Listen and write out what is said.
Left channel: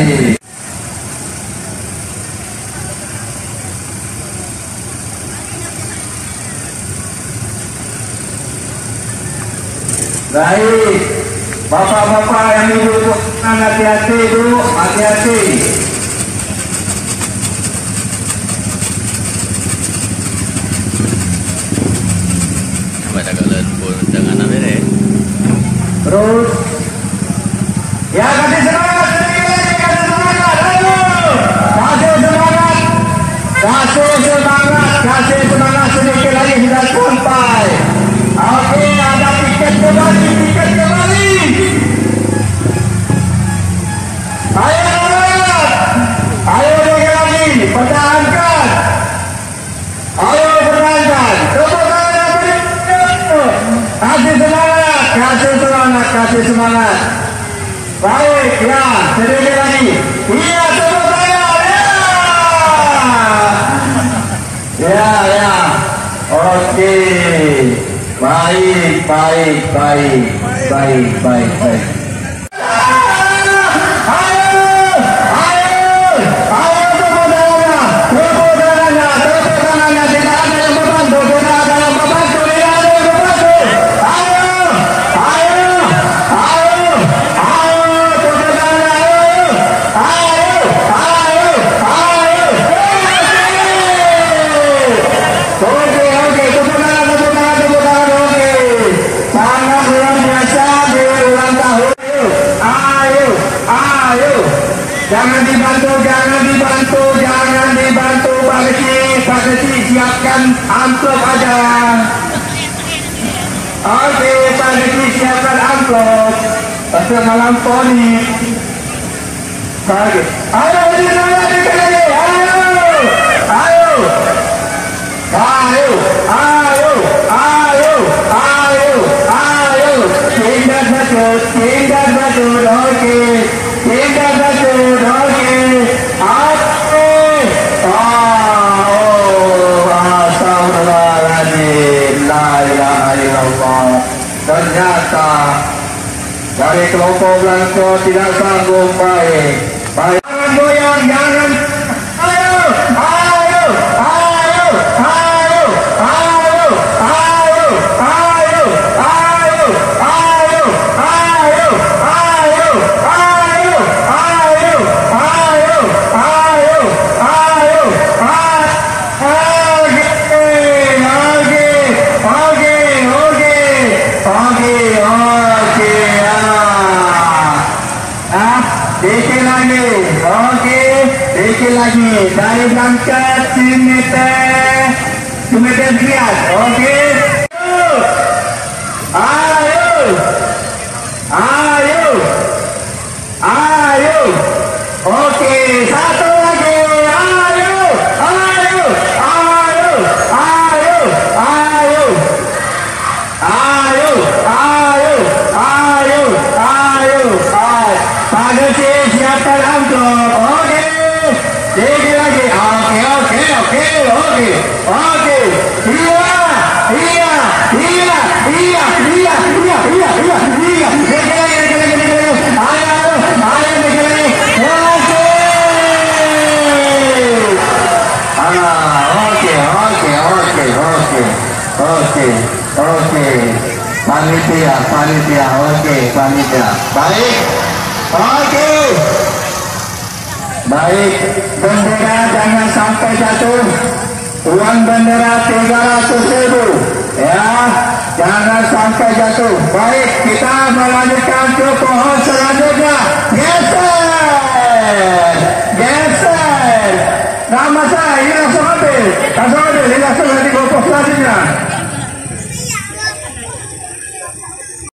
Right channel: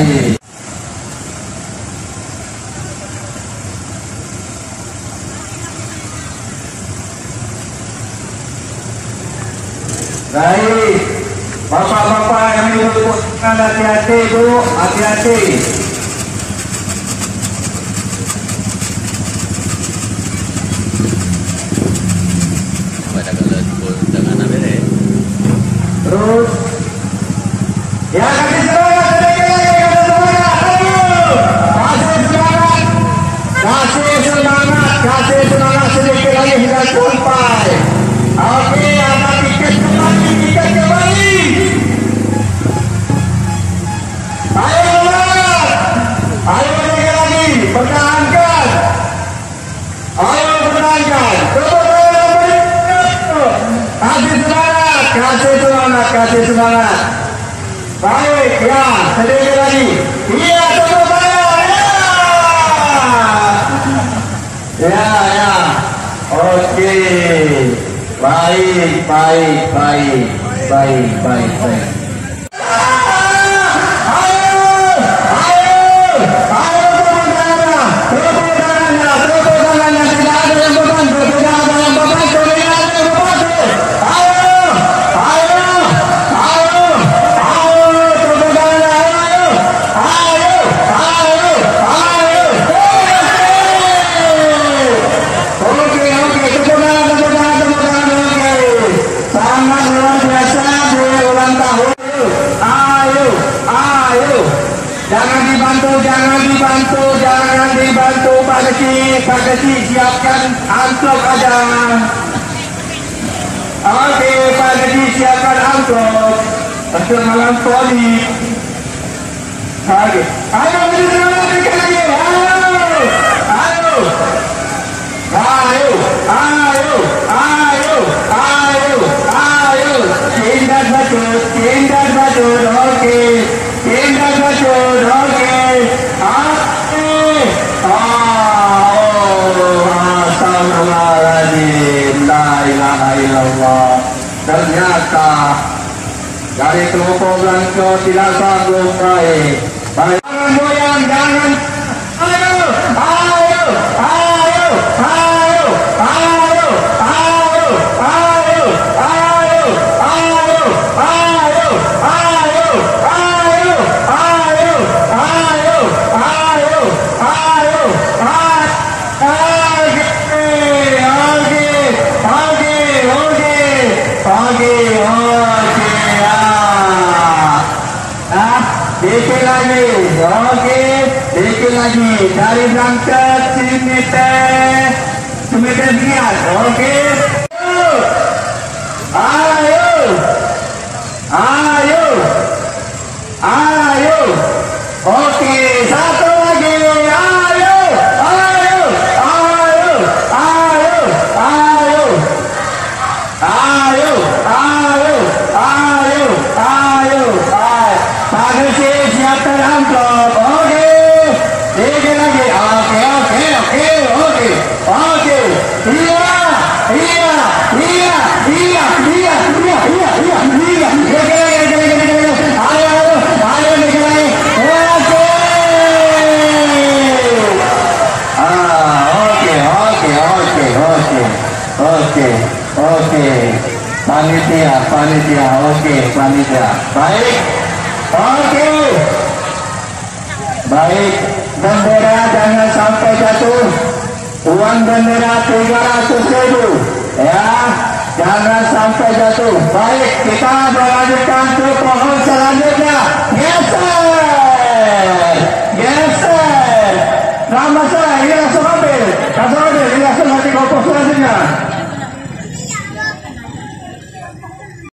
Baik, bapak-bapak yang ibu-ibu, hati-hati Bu, hati-hati. Pada kalian pun dengan apa ni? Terus, ya kasih semangat, kasih semangat sedikit lagi hingga sampai. Oke, ada tiket kembali, Ayo lagi, pertahankan. Ayo pertahankan. Kasih semangat. Baik, ya, sedikit lagi. Iya, tepuk tangan. Ya. Oke. Baik. Jangan dibantu Pak Kecil, siapkan amplop ada. Oke, Pak Kecil siapkan amplop. Setengah lamponi. Oke, ayo tindak batu, oke. Ternyata dari kelompok Blanco tidak sanggup. Baik. Jangan goyang, jangan. Ayo. Dikit lagi dari berangkat kilometer sekian. Oke. Ayo. Oke, satu lagi. Ayo. Pada siapkan amplop. Oke. Dikit lagi. Oke. Iya. Oke. Panitia. Oke, panitia. Baik. Oke. Baik. Bendera jangan sampai jatuh. Uang bendera 300.000. Ya, jangan sampai jatuh. Baik.